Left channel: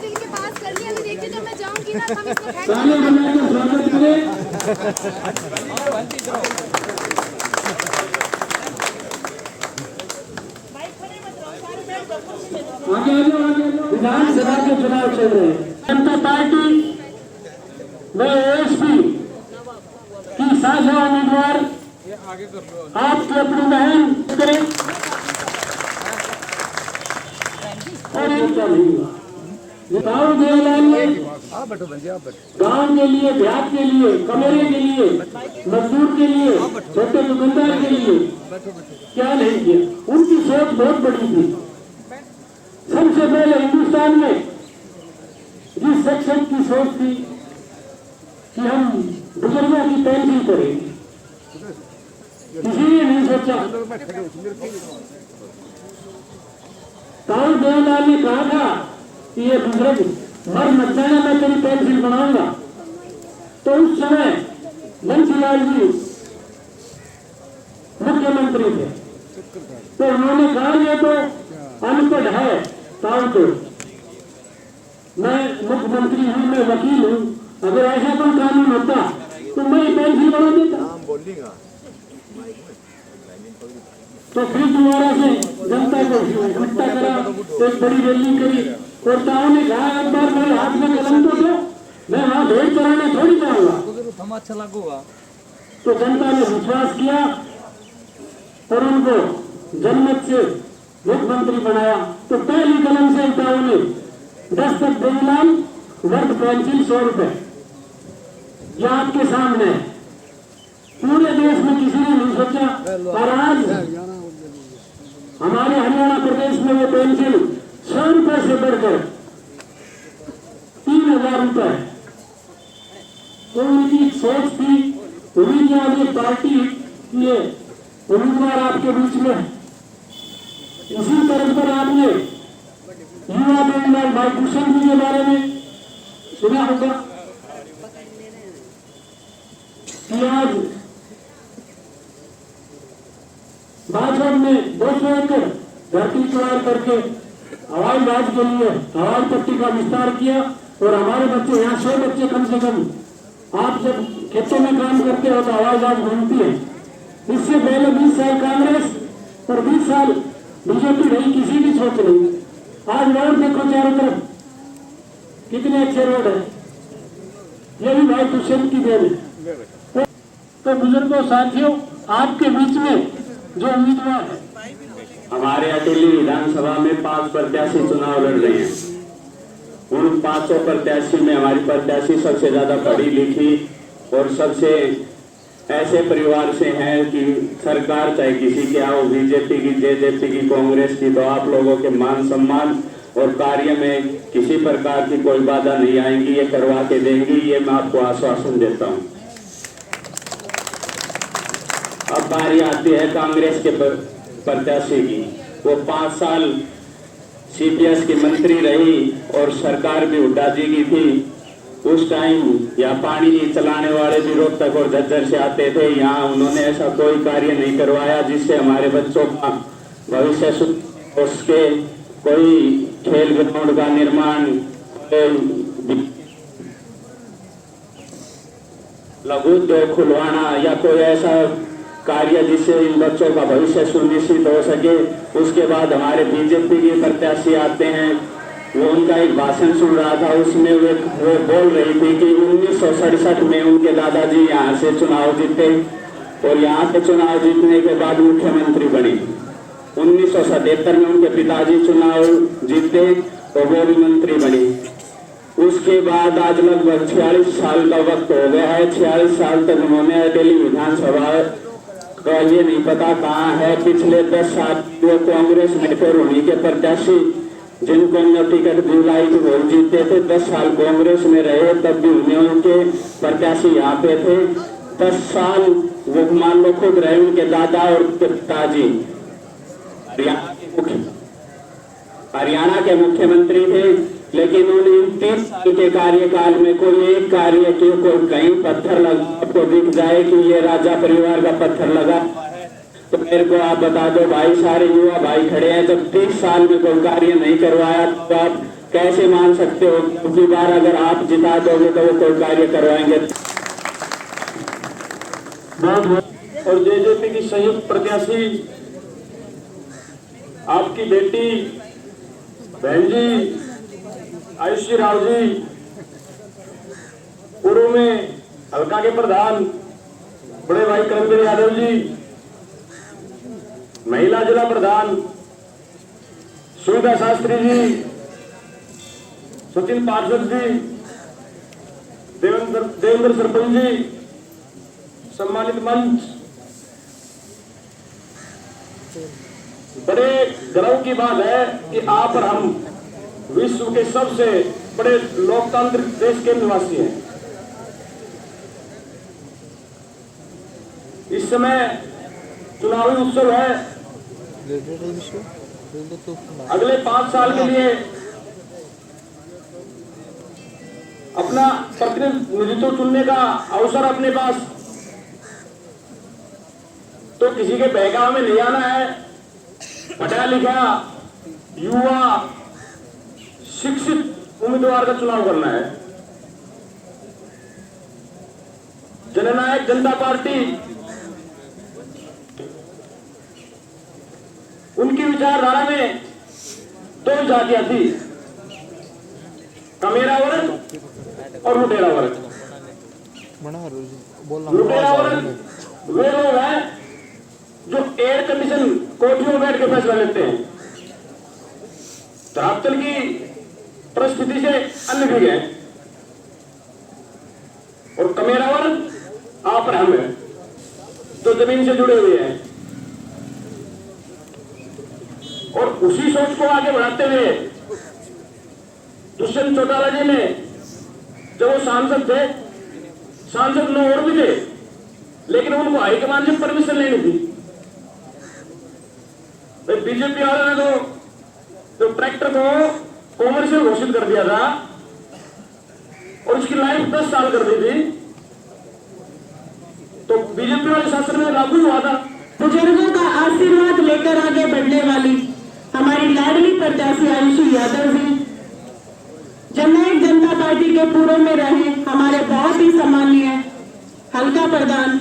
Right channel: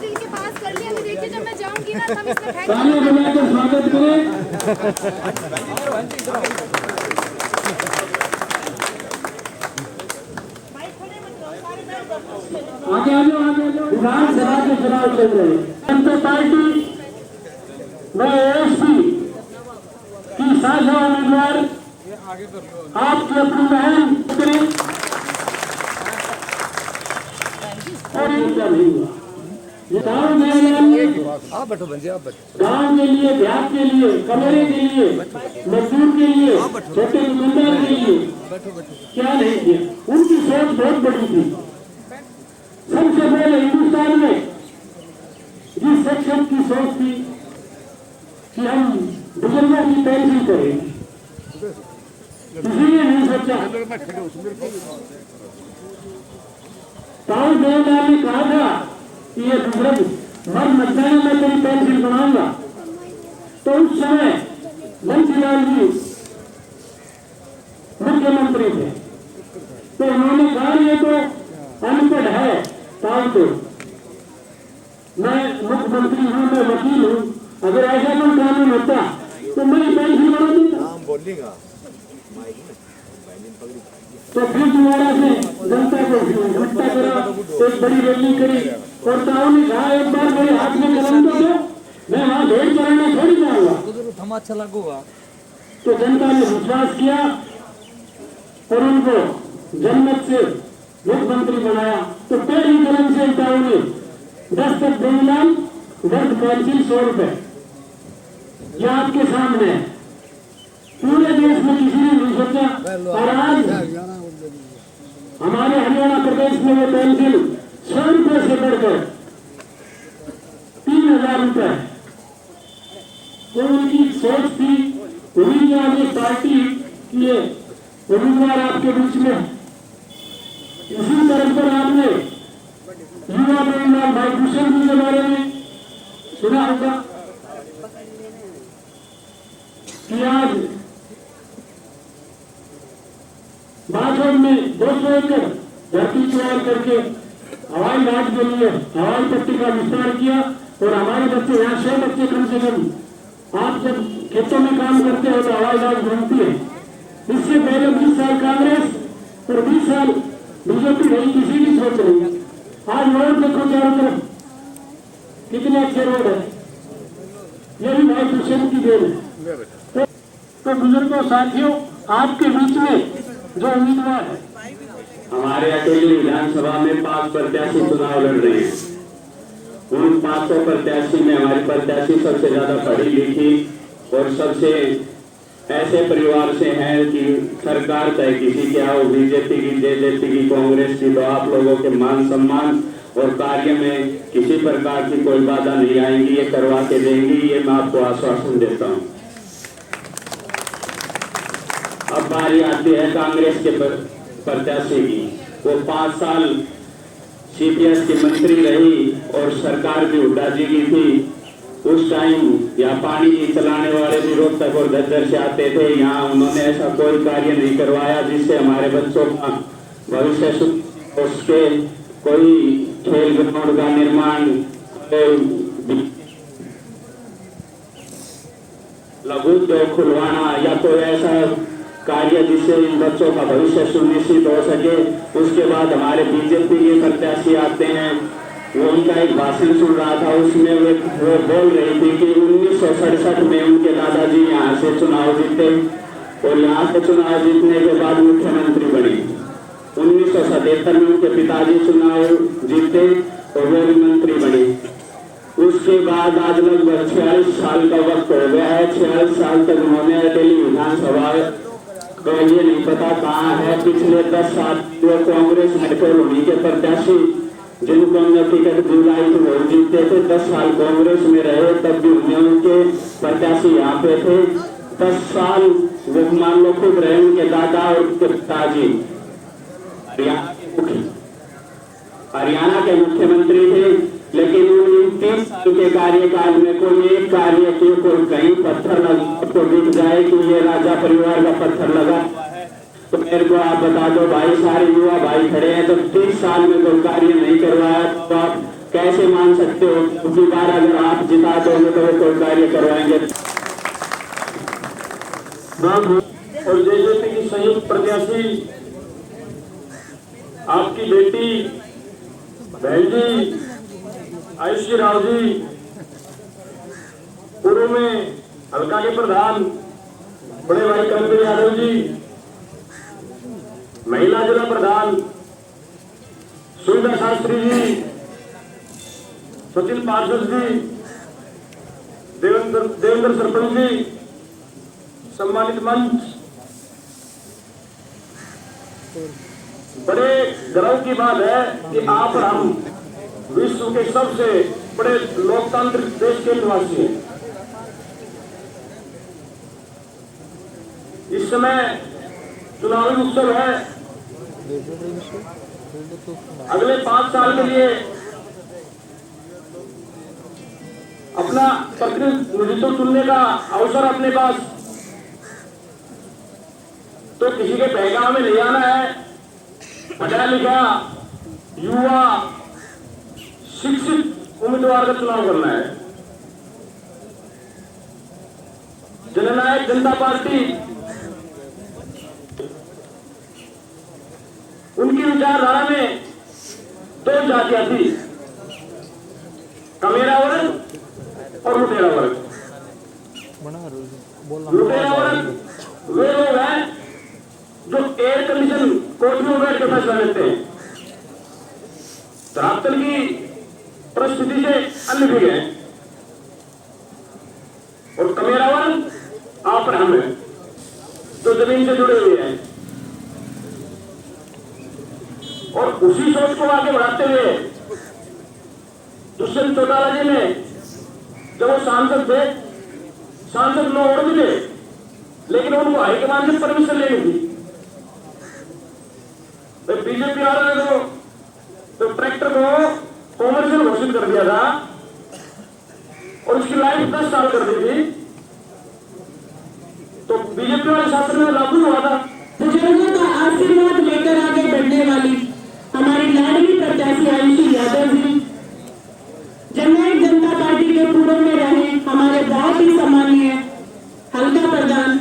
दिल के पास कर लिया। अभी देखिए जब मैं जाऊंगी ना तब इसमें फेंक विधानसभा के चुनाव चल रहे हैं। जनता पार्टी में एएसपी की साझा उम्मीदवार आपकी अपनी बहन करें गाँव के लिए, देहात के लिए, कमेरे के लिए, मजदूर के लिए, छोटे दुकानदार के लिए क्या नहीं किया। उनकी सोच बहुत बड़ी थी। सबसे पहले हिंदुस्तान में जिस सेक्शन की सोच थी कि हम बुजुर्गों की पेंशन करेंगे, किसी ने नहीं सोचा। राहुल देवलाल ने कहा था कि ये बुजुर्ग मर मत जाना, मैं तेरी पेंशन बनाऊंगा। तो उस समय बंसीलाल जी मुख्यमंत्री थे, तो उन्होंने कहा ये तो अनपढ़ है ताऊ, तो मैं मुख्यमंत्री हूँ, मैं वकील हूँ, अगर ऐसा कोई कानून होता तो मैं पेंशन बना देता। तो फिर दोबारा से जनता को इकट्ठा करा, एक बड़ी रैली करी और ताऊ ने कहा एक बार मेरे हाथ में कलम तो दो, मैं वहां भेड़ चलाने थोड़ी जाऊंगा। तो जनता ने विश्वास किया और उनको जनमत से मुख्यमंत्री बनाया। तो पहली कलम से ताऊ ने दस्तक देवलाल वर्ग पेंशन 100 रुपए यह आपके सामने है। पूरे देश में किसी ने नहीं सोचा। और आज हमारे हरियाणा प्रदेश में वो पेंशन 100 रुपए से बढ़कर 3000 रुपए। तो उनकी सोच थी। उन्हीं ने पार्टी किए उम्मीदवार आपके बीच में। इसी तरह पर आपने युवा उम्मीदवार भाई भूषण जी के बारे में सुना होगा कि आज भाजपा में 200 एकड़ धरती तैयार करके हवाई जहाज के लिए हवाई पट्टी का विस्तार किया। और हमारे बच्चे यहाँ 100 बच्चे कम से कम, आप जब खेतों में काम करते हो तो हवाई जहाज घूमती है। इससे पहले 20 साल कांग्रेस और 20 साल बीजेपी रही, किसी की सोच नहीं। आज रोड देखो चारों तरफ कितने अच्छे रोड है, यही भाई दुष्यंत की देन है। तो बुजुर्गों साथियों, आपके बीच में जो उम्मीदवार है, हमारे अकेली विधानसभा में 5 प्रत्याशी चुनाव लड़ रहे हैं। उन 500 प्रत्याशी में हमारी प्रत्याशी सबसे ज्यादा पढ़ी लिखी और सबसे ऐसे परिवार से हैं कि सरकार चाहे किसी के आओ, बीजेपी की, जेजेपी की, कांग्रेस की, तो आप लोगों के मान सम्मान और कार्य में किसी प्रकार की कोई बाधा नहीं आएंगी। ये करवा के देंगी, ये मैं आपको आश्वासन देता हूँ। अब बारी आती है कांग्रेस के प्रत्याशी की। वो 5 साल सीपीएस की मंत्री रही और सरकार भी हुड्डा जी की थी। उस टाइम यहाँ पानी नहीं चलाने वाले भी रोहतक और झज्जर से आते थे। यहाँ उन्होंने ऐसा कोई कार्य नहीं करवाया जिससे हमारे बच्चों का भविष्य उसके कोई खेल ग्राउंड का निर्माण, लघु उद्योग खुलवाना या कोई ऐसा कार्य जिससे इन बच्चों का भविष्य सुनिश्चित हो सके। उसके बाद हमारे बीजेपी के प्रत्याशी आते हैं। वो उनका एक भाषण सुन रहा था, उसमें वो बोल रही थी कि 1967 में उनके दादाजी यहाँ से चुनाव जीते और यहाँ से चुनाव जीतने के बाद मुख्यमंत्री बनी। 1977 में उनके पिताजी चुनाव जीते और वो भी मंत्री बनी। उसके बाद आज लगभग 46 साल का वक्त हो गया है। 46 साल तक उन्होंने दिल्ली विधानसभा तो ये नहीं पता कहाँ है। पिछले 10 साल वो कांग्रेस में थे, उन्हीं के प्रत्याशी जिनको हमने टिकट दिलाई थी वो जीते थे। 10 साल कांग्रेस में रहे, तब भी उनके प्रत्याशी यहाँ पे थे। 10 साल वो मान लो खुद रहे, उनके दादा और पिताजी हरियाणा के मुख्यमंत्री थे। लेकिन उन 30 साल के कार्यकाल में कोई एक कार्य के कोई कहीं पत्थर लगा आपको दिख जाए कि ये राजा परिवार का पत्थर लगा हुआ है, तो मेरे को आप बता दो भाई, सारे युवा भाई खड़े हैं, जब 30 साल में कोई कार्य नहीं करवाया तो आप कैसे मान सकते हो दूसरी बार अगर आप जिता दोगे तो वो कोई कार्य करवाएंगे। और जेजेपी की संयुक्त प्रत्याशी आपकी बेटी बहन जी आयुषी राव जी, पूर्व में हल्का के प्रधान बड़े भाई करमवीर यादव जी, महिला जिला प्रधान सुविधा शास्त्री जी, सचिन पार्षद जी, देवेंद्र सरपंच जी, सम्मानित मंच, बड़े गर्व की बात है कि आप और हम विश्व के सबसे बड़े लोकतांत्रिक देश के निवासी हैं। इस समय चुनावी उत्सव है। अगले 5 साल के लिए अपना प्रतिनिधित्व चुनने का अवसर अपने पास, तो किसी के बहकावे में नहीं आना है। पढ़ा लिखा युवा शिक्षित उम्मीदवार का चुनाव करना है। जननायक जनता पार्टी उनकी विचारधारा में 2 जातियां थी, कमेरा वर्ग और लुटेरा वर्ग। लुटेरा वर्ग वे लोग हैं जो एयर कंडीशन कोठियों में बैठ के फैसला लेते हैं, धरातल की परिस्थिति से अन्य भी है। और कमेरा वर्ग आप और हम हैं जो जमीन से जुड़े हुए हैं। और उसी सोच को आगे बढ़ाते हुए दुष्यंत चौटाला जी ने, जब वो सांसद थे, सांसद 9 और भी थे, लेकिन उनको हाईकमान से परमिशन लेनी थी। बीजेपी वालों ने तो ट्रैक्टर को कॉमर्शियल घोषित कर दिया था और उसकी लाइफ 10 साल कर दी थी, तो बीजेपी वाले शासन में लागू हुआ था। बुजुर्गों का आशीर्वाद लेकर आगे बढ़ने वाली हमारी लाडली प्रत्याशी आयुषी यादव जी, जननायक जनता पार्टी के पूर्व में रहे हमारे बहुत ही सम्मानीय हल्का प्रधान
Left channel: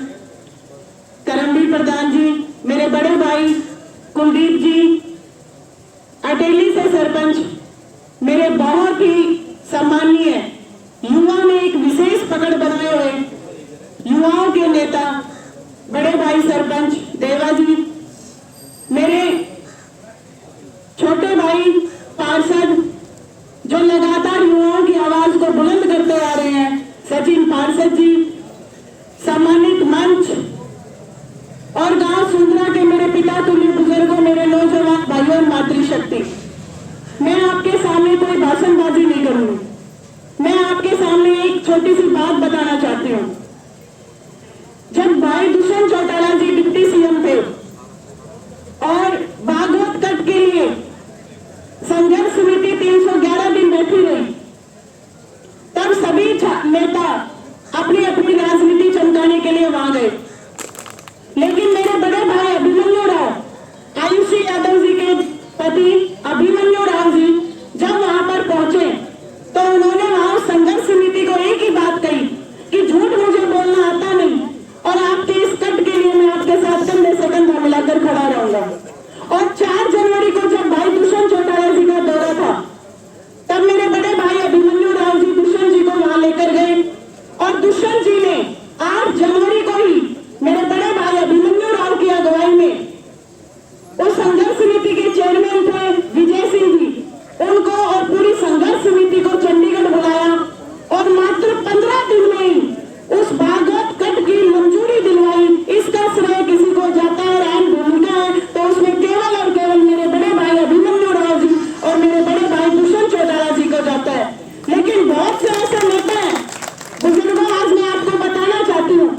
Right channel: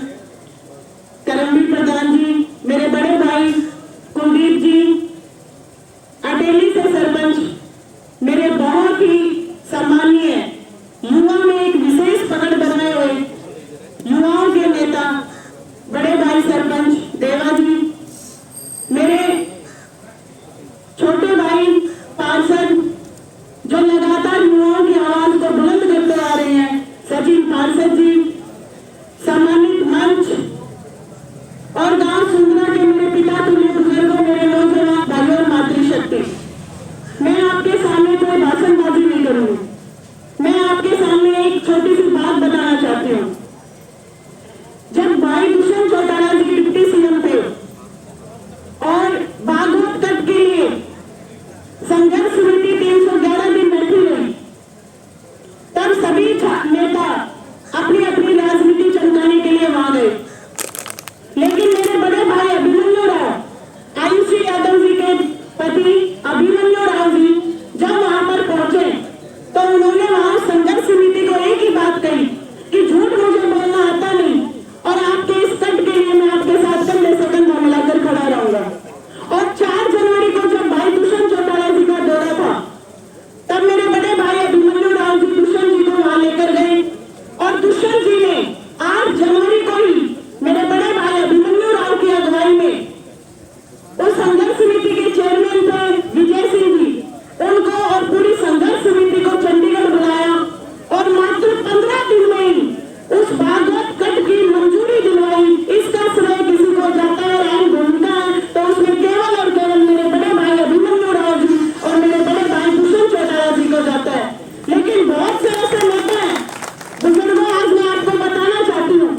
करमवीर प्रधान जी, मेरे बड़े भाई कुलदीप जी, अटेली से सरपंच, मेरे बहुत ही सम्मानीय युवा में एक विशेष पकड़ बनाए हुए युवाओं के नेता बड़े भाई सरपंच देवा जी, मेरे छोटे भाई पार्षद जो लगातार युवाओं की आवाज को बुलंद करते आ रहे हैं, सचिन पार्षद जी, सम्मानित मंच और गांव सुंदरा के मेरे पिता तुल्य बुजुर्गों, मेरे नौजवान भाइयों और मातृशक्ति, मैं आपके सामने कोई भाषणबाजी नहीं करूंगी। मैं आपके सामने एक छोटी सी बात बताना चाहती हूँ। जब भाई दुष्यंत चौटाला जी डिप्टी सीएम थे और बागोत तट के लिए संघर्ष समिति 311 दिन बैठी रही, तब सभी नेता अपनी अपनी राजनीति चमकाने के लिए वहां गए, लेकिन मेरे बड़े भाई अभिमन्यु राव, आयुषी यादव जी के पति अभिमन्यु राव जी जब वहां पर पहुंचे तो उन्होंने वहां संघर्ष समिति को एक ही बात कही कि झूठ मुझे बोलना आता नहीं और आपके इस कट के लिए मैं आपके साथ कंधे से कंधा मिलाकर खड़ा रहूंगा। और 4 जनवरी को जब भाई दुष्यंत चौटाला जी का दौरा था, तब मेरे बड़े भाई अभिमन्यु राव जी दुष्यंत जी को वहां लेकर गए और दुष्यंत जी ने 8 जनवरी को ही मेरे बड़े भाई अभिमन्यु राव की अगुवाई में उस संघर्ष समिति के चेयरमैन थे विजय सिंह जी, उनको और पूरी संघर्ष समिति को चंडीगढ़ बुलाया और मात्र 15 दिन में ही उस भागवत कट की मंजूरी दिलवाई। इसका श्रेय किसी को जाता है, अहम भूमिका है तो उसमें केवल और केवल मेरे बड़े भाई अभिमन्यु राव जी और मेरे बड़े भाई दुष्यंत चौटाला जी को जाता है। लेकिन बहुत से ऐसे नेता हैं बुजुर्गों, आज मैं आपको बताना चाहती हूँ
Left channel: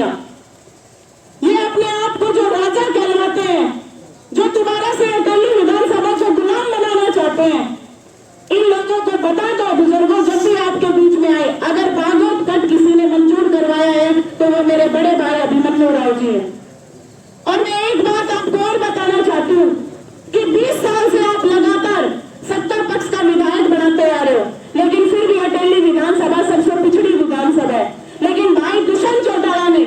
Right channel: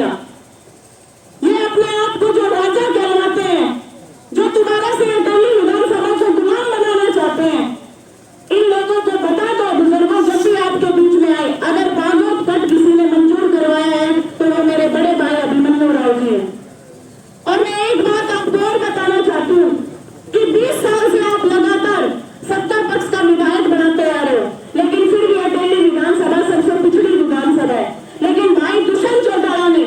किया। ये अपने आप को जो राजा कहलाते हैं, जो दोबारा से दिल्ली विधानसभा को गुलाम बनाना चाहते हैं, इन लोगों को बता दो बुजुर्गों, जब भी आपके बीच में आए, अगर बागोत कट किसी ने मंजूर करवाया है तो वो मेरे बड़े भाई अभिमन्यु राव जी है। और मैं एक बात आपको और बताना चाहती हूँ कि 20 साल से आप लगातार सत्ता पक्ष का विधायक बनाते आ रहे हो, लेकिन फिर भी अटेली विधानसभा सबसे पिछड़ी विधानसभा है। लेकिन भाई दुष्यंत चौटाला ने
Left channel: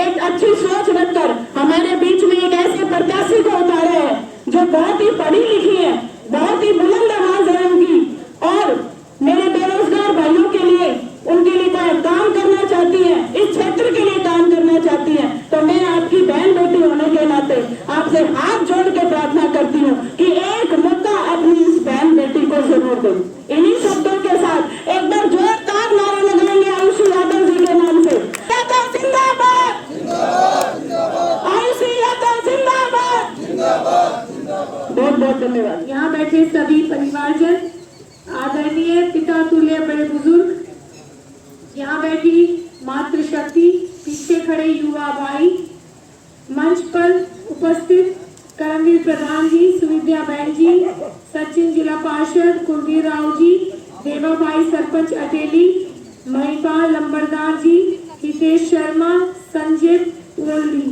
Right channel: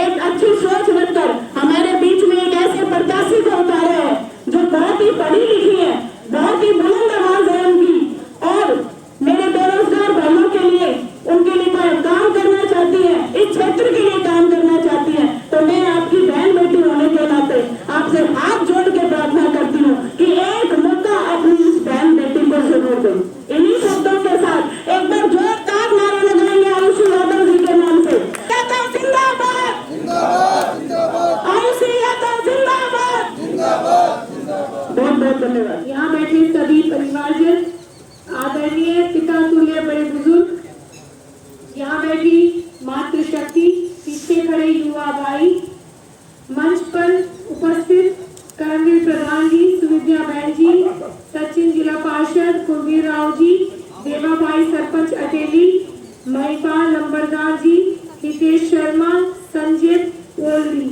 एक अच्छी सोच रखकर हमारे बीच में एक ऐसे प्रत्याशी को उतारा है जो बहुत ही पढ़ी लिखी है, बहुत ही बुलंद आवाज है उनकी, और मेरे बेरोजगार भाइयों के लिए, उनके लिए कोई काम करना चाहती है, इस क्षेत्र के लिए काम करना चाहती है। तो मैं आपकी बहन बेटी होने के नाते आपसे हाथ जोड़ के प्रार्थना करती हूँ कि एक मौका अपनी इस बहन बेटी को जरूर दें। इन्हीं शब्दों के साथ एक बार जोरदार नारे लगाएंगे आयुषी यादव जी के नाम से। यादव जिंदाबाद, आयुषी यादव जिंदाबाद, बहुत बहुत धन्यवाद। यहाँ बैठे सभी परिवारजन, आदरणीय पिता तुल्य बड़े बुजुर्ग, यहाँ बैठी मातृशक्ति, पीछे खड़े युवा भाई, मंच पर उपस्थित करमवीर प्रधान जी, सुविद्या बहन जी, सचिन जिला पार्षद, कुलवीर राव जी, देवा भाई सरपंच अटेली, महिपाल लंबरदार जी, हितेश शर्मा, संजीत ओल्डी,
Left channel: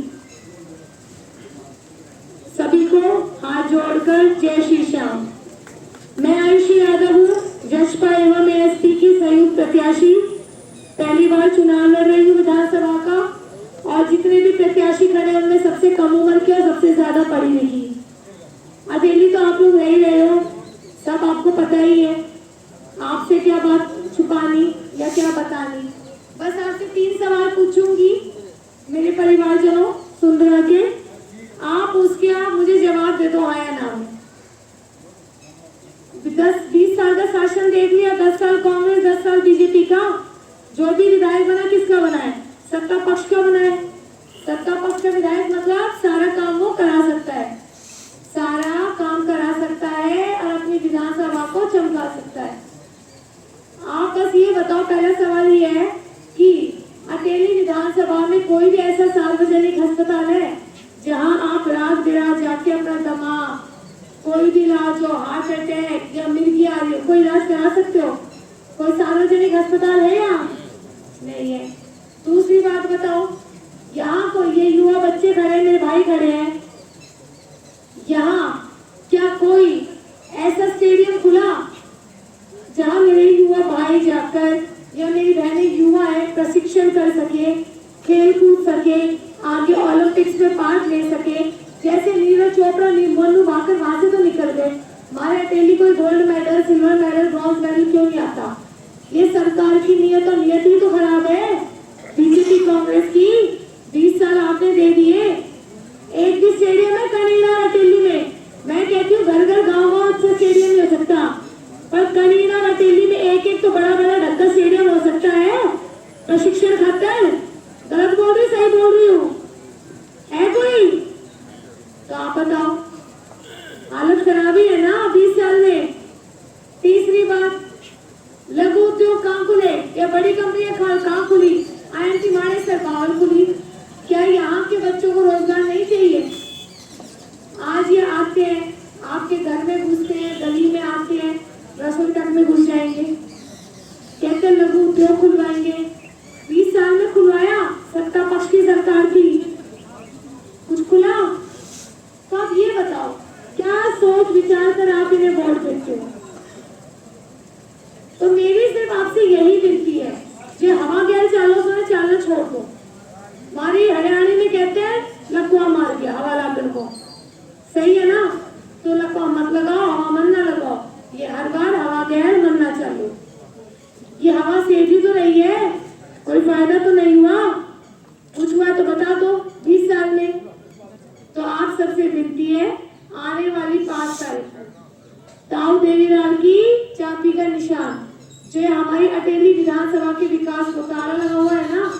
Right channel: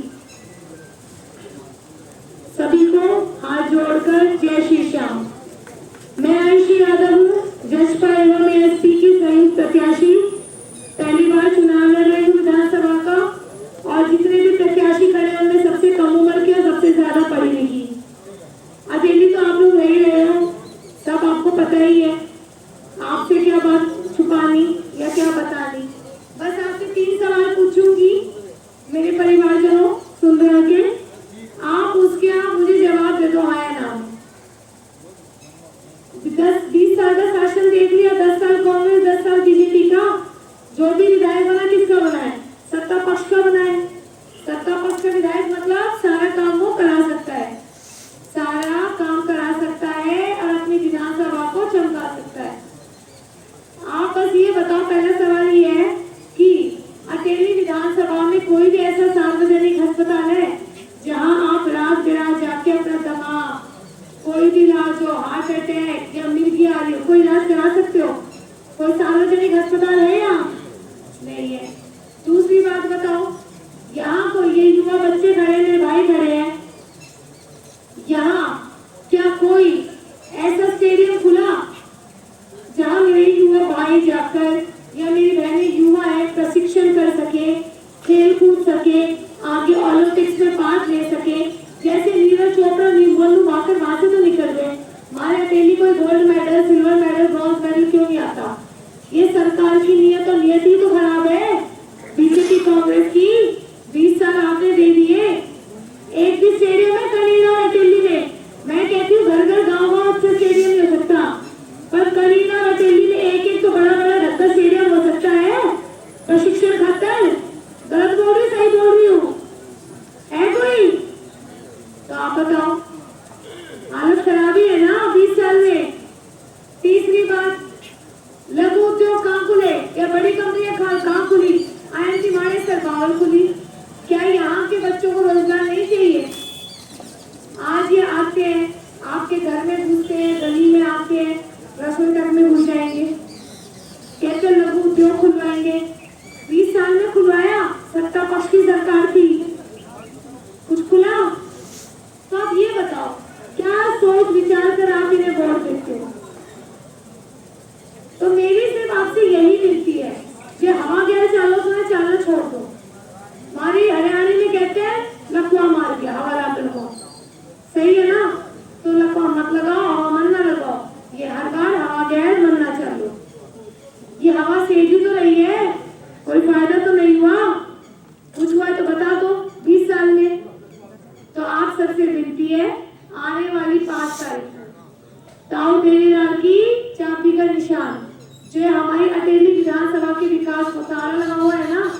सभी को हाथ जोड़कर जय श्री श्याम। मैं आयुषी यादव हूँ, जसपा एवं एसपी की संयुक्त प्रत्याशी। पहली बार चुनाव लड़ रही हूँ विधानसभा का, और जितने भी प्रत्याशी खड़े हैं उनमें सबसे कम उम्र के, सबसे ज्यादा पढ़ी लिखी। अकेली तो आप लोग रह ही रहे हो, सब आपको पता ही है, आपसे क्या बात छुपानी या क्या बतानी। बस आपसे 3 सवाल पूछूंगी मेरे परिवारजनों, सुन रहा के आप उसके आप मुझे जवाब दे दो, हाँ या ना। 10-20 साल का शासन देख लिया, 10 साल कांग्रेस, 10 साल बीजेपी का। जो भी विधायक बना किसका बना है? सत्ता पक्ष का बना है। सत्ता पक्ष का विधायक मतलब सारा काम वो करा सकता है, सारा काम करा सकता है और अपनी विधानसभा को चमका सकता है। आप बस ये बताओ, पहला सवाल ये है कि अटेली विधानसभा में कोई भी ऐसा सार्वजनिक अस्पताल है जहां आप रात बिरात जाके अपना दमा, कोई भी इलाज हो, हार्ट अटैक या मिर्गी आ रही हो, कोई इलाज करा सकते हो? कोई सार्वजनिक अस्पताल है यहाँ? नहीं है। दूसरी बात बताओ, यहाँ को ये युवा बच्चे खड़े, मेरे भाई खड़े हैं, यहाँ क्या कोई ऐसा स्टेडियम खुला जहाँ मेरे युवा भाई जाकर या मेरी बहनें युवा है प्रशिक्षण कर सके, खेल कूद सके, आगे ओलंपिक्स में पार्ट ले सके? जैसे नीरज चोपड़ा, मनु भाकर वहां से तो निकल गए, हमारे अटेली कोई gold medal, silver medal, bronze medal क्यों नहीं आता? ये सरकार की नियत और नियति तो खराब है बीजेपी कांग्रेस की। 20 साल आपने दे दिए, एक भी स्टेडियम है कनीना अटेली में। मैं कहती हूँ घर घर गाँव से स्टेडियम नहीं हो सकता, पर कनीना अटेली में एक तो बड़ा बड़ा ढक्का स्टेडियम हो सकता है प्रशिक्षण खातर। गलत बोल रही, सही बोल रही हूँ? है कोई? तो आप बताओ, हालत खराब ही है ना 20 साल में। तीसरी बात, लघु उद्योग कहाँ खुले या बड़ी कंपनियां कहाँ खुली? IIT मानेसर बावल खुली। क्या यहाँ के बच्चों को रोजगार नहीं चाहिए? आज ये आते हैं, आपके घर में घुसते हैं, गली में आते हैं, रसोई तक में घुस जाएंगे, कहते लघु उद्योग खुलवाएंगे। 20 साल में खुलवाया, सत्ता पक्ष की सरकार थी, कुछ खुला? तो आप ये बताओ, क्या सोच विचार कर आप इन्हें वोट देते हो? तो मेरी सिर्फ आपसे यही विनती है, जो हवा गैर चालो सो चालना छोड़ दो। हमारे हरियाणा में कहते हैं लकुआ मार गया हवा लागन को, सही है ना? तो लकुआ मत लगाओ, हवा मन ना लगाओ, ये हर बार हवा गैर बनना चाहिए। ये हवा सेधी तो रही है, कोई फायदा तो नहीं हुआ? कुछ हुआ तो बता दो 20 साल में। तो आप सबसे विनती है, आने वाली 5 तारीख ताऊ देवीलाल की चाबी का निशान, जो हमारी अटेली विधानसभा के विकास को ताला लगा हुआ है ना,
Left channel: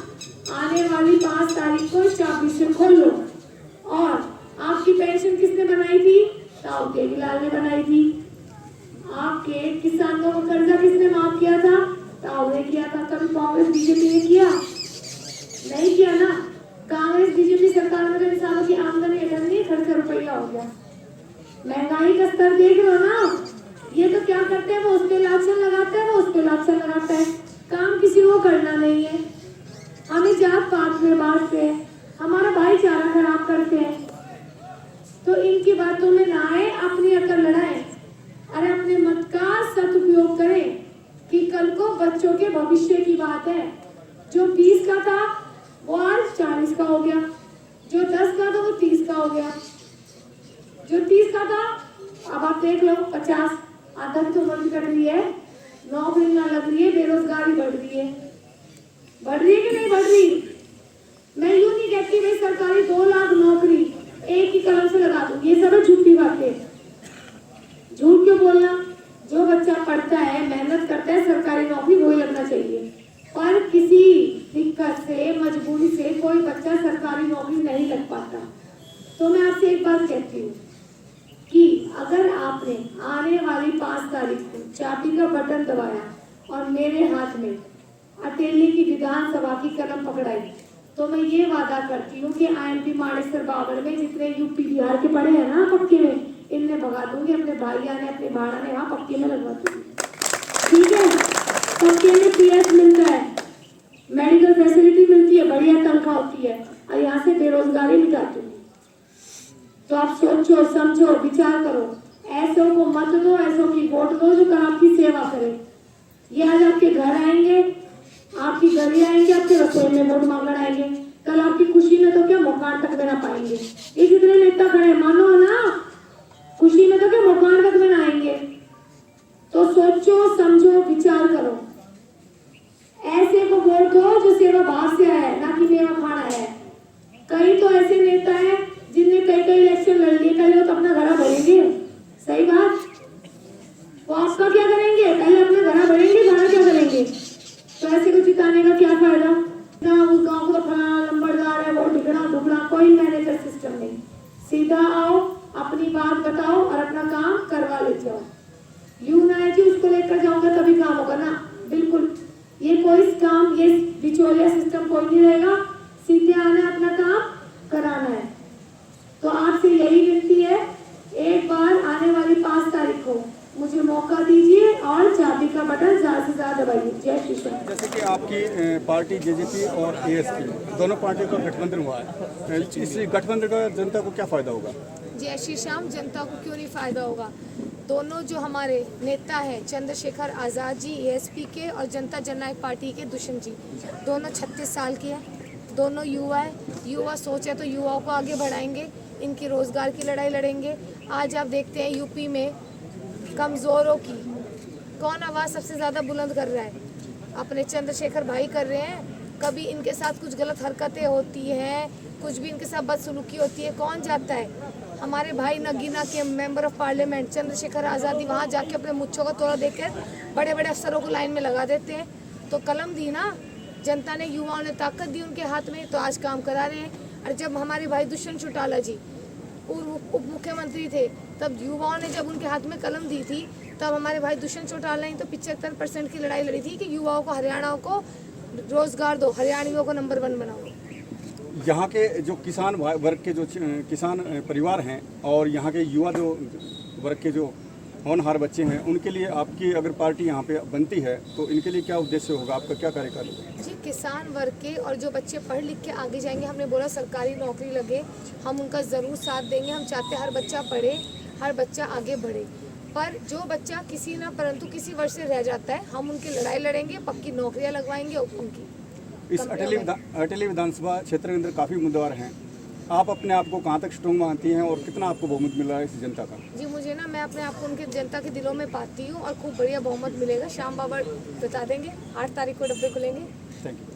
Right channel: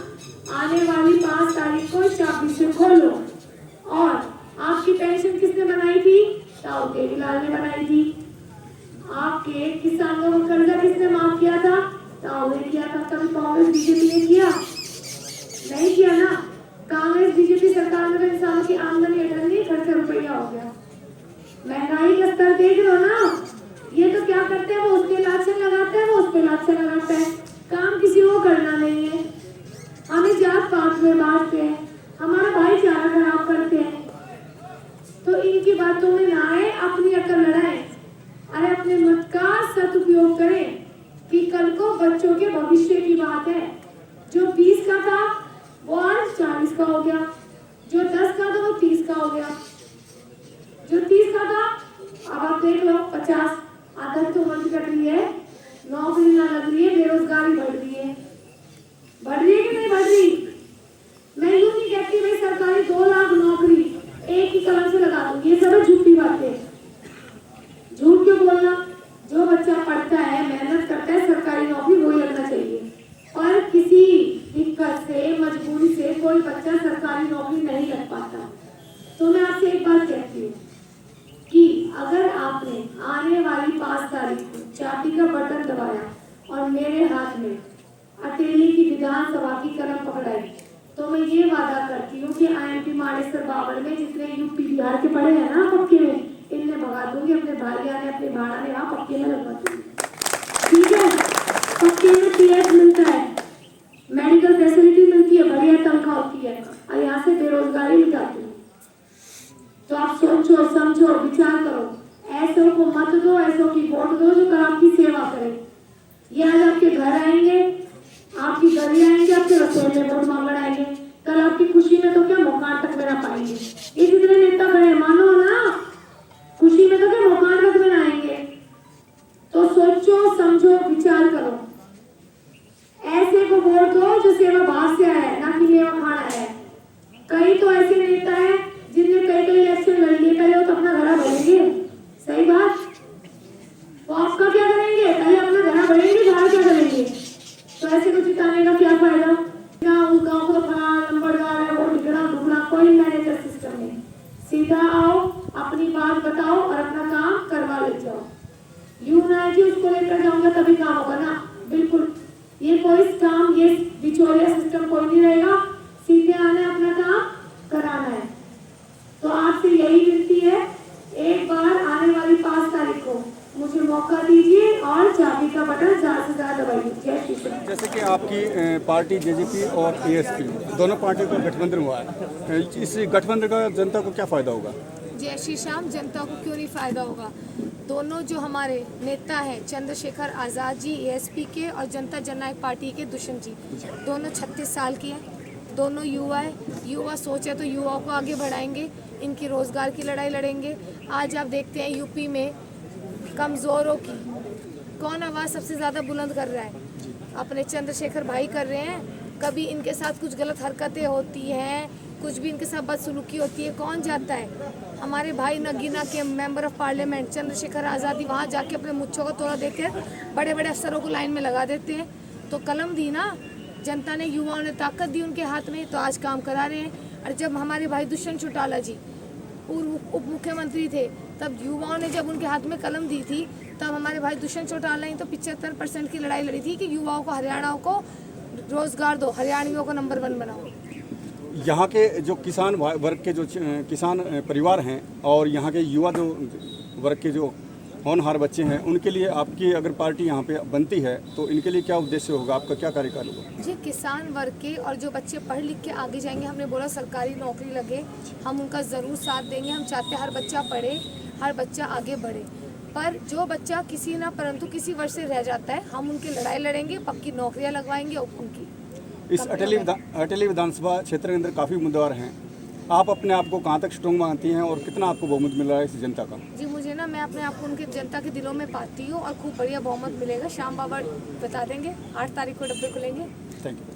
आने वाली 5 तारीख को चाबी से खोलो। और आपकी पेंशन किसने बनाई थी? ताऊ देवीलाल ने बनाई थी। आपके किसानों को कर्जा किसने माफ किया था? ताऊ ने किया था। कभी कांग्रेस बीजेपी ने किया? नहीं किया ना। जात पात में बांटते हैं, हमारा भाईचारा खराब करते हैं। तो इनकी बातों में ना आए, अपनी अकल लड़ाएं। अरे अपने मत का सदुपयोग करें कि कल को बच्चों के भविष्य की बात है। जो 20 का था वो आज 40 का हो गया, जो 10 का था वो 30 का हो गया, जो 30 का था अब आप देख लो 50। आदत तो बंद कर रही है, नौकरी ना लग रही है, बेरोजगारी बढ़ रही है। बढ़ रही है कि नहीं बढ़ रही? मैं यूं नहीं कहती भाई सरकारी 2 लाख नौकरी एक ही कलम से लगा दूं, ये सब है झूठी बातें। झूठ क्यों बोलना? जो बच्चा पढ़ता है, मेहनत करता है, सरकारी नौकरी वही लगना चाहिए। और किसी दिक्कत से, मजबूरी से कोई बच्चा सरकारी नौकरी नहीं लग पाता। तो मैं आपसे एक बात कहती हूँ कि अगर आपने आने वाली 5 तारीख को चाबी का बटन दबाया और मेरे हाथ में अटेली की विधानसभा की कलम पकड़ाई, तो मैं ये वादा करती हूँ कि IMT माड़ेसर बावल में जितने यूपी बिहार के पढ़े हैं ना पक्के में, इनने भगा दूंगी, अपने भाइया ने, अपने भाड़ा ने वहाँ पक्के में लगवा दूंगी। ठीक है? पक्के में PS मिलता है, मेडिकल फैसिलिटी मिलती है, बढ़िया तनख्वाह होती है, और यहाँ से बेरोजगारी मिटा दूंगी। तो आप सोचो, समझो, विचार करो। ऐसों को मत दो, ऐसों की वोट दो जो कल आपकी सेवा करे। ये आज आपके घर आएंगे, आपकी गली आएंगे, आपके रसोई में वोट मांगने आएंगे, कल आपकी खुशी में तो क्या मकान तक देना पाएंगे। ये जितने नेता खड़े मानो ना, खुशी में तो क्या मकान तक देना आएंगे। तो सोचो, समझो, विचार करो। ऐसे को वोट दो जो सेवा भाव से आया है, ना कि मेवा खाना आया है। कई तो ऐसे नेता है जिनने कई इलेक्शन लड़ लिए, पहले वो तो अपना घड़ा भरेंगे। सही बात? वो आपका क्या करेंगे? पहले अपना घड़ा भरेंगे, बाहर क्या करेंगे? तो ऐसे को जिताने का क्या फायदा? ना उस गांव को फलाना नंबरदार है, वो ढिकना ढुकना, कोई मैनेजर सिस्टम नहीं। सीधा आओ, अपनी बात बताओ और अपना काम करवा ले जाओ। यूं ना है कि उसको लेकर जाऊंगा तभी काम होगा ना, बिल्कुल। ये कोई काम, ये बिचौलिया सिस्टम कोई नहीं रहेगा। सीधे आना, अपना काम कराना है। तो आपसे यही विनती है, एक बार आने वाली 5 तारीख को मुझे मौका दीजिए और चाबी का बटन ज्यादा से ज्यादा दबाइए। जय श्री कृष्ण। जैसे कि आपकी पार्टी JJP और ASP दोनों पार्टियों का गठबंधन हुआ है, इस गठबंधन का जनता को क्या फायदा होगा? जय श्री श्याम। जनता को क्यों नहीं फायदा होगा? दोनों जो हमारे नेता हैं चंद्रशेखर आज़ाद जी ASP के और जनता जननायक पार्टी के दुष्यंत जी, दोनों 36 साल के हैं, दोनों युवा है। युवा सोचे तो युवाओं को आगे बढ़ाएंगे, इनकी रोजगार की लड़ाई लड़ेंगे। आज आप देखते हैं यूपी में कमज़ोरों की कौन आवाज़ सबसे ज़्यादा बुलंद कर रहा है? अपने चंद्रशेखर भाई कर रहे हैं। कभी इनके साथ कुछ गलत हरकतें होती हैं, कुछ भी इनके साथ बदसलूकी होती है, कौन जाता है? हमारे भाई नगीना के मेंबर ऑफ पार्लियामेंट चंद्रशेखर आज़ादी वहाँ जाके अपने मुच्छों का तोड़ा देकर बड़े बड़े अफसरों को लाइन में लगा देते हैं। तो कलम दी ना जनता ने, युवाओं ने ताकत दी उनके हाथ में, तो आज काम करा रहे हैं। और जब हमारे भाई दुष्यंत चौटाला जी पूर्व उप मुख्यमंत्री थे, तब युवाओं ने जब उनके हाथ में कलम दी थी, तब हमारे भाई दुष्यंत चौटाला ने तो 75% की लड़ाई लड़ी थी कि युवाओं को, हरियाणा को रोजगार दो, हरियाणवियों को नंबर 1 बनाओ। यहाँ के जो किसान वर्ग के जो किसान परिवार हैं और यहाँ के युवा जो वर्ग के जो होनहार बच्चे हैं, उनके लिए आपकी अगर पार्टी यहाँ पे बनती है तो इनके लिए क्या उद्देश्य होगा, आपका क्या कार्यकाल होगा? जी, किसान वर्ग के और जो बच्चे पढ़ लिख के आगे जाएंगे, हमने बोला सरकारी नौकरी लगे, हम उनका ज़रूर साथ देंगे। हम चाहते हैं हर बच्चा पढ़े, हर बच्चा आगे बढ़े। पर जो बच्चा किसी ना परंतु किसी वर्ष से रह जाता है, हम उनकी लड़ाई लड़ेंगे, पक्की नौकरियाँ लगवाएंगे उनकी। इस अटेली विधानसभा क्षेत्र के अंदर काफ़ी उम्मीदवार हैं, आप अपने आप को कहाँ तक स्ट्रॉन्ग मानती हैं और कितना आपको बहुमत मिल रहा है इस जनता का? जी, मुझे ना, मैं अपने आप को उनके जनता के दिलों में पाती हूँ और खूब बढ़िया बहुमत मिलेगा। श्याम बाबा बता देंगे, 8 तारीख को डब्बे खुलेंगे। Thank you.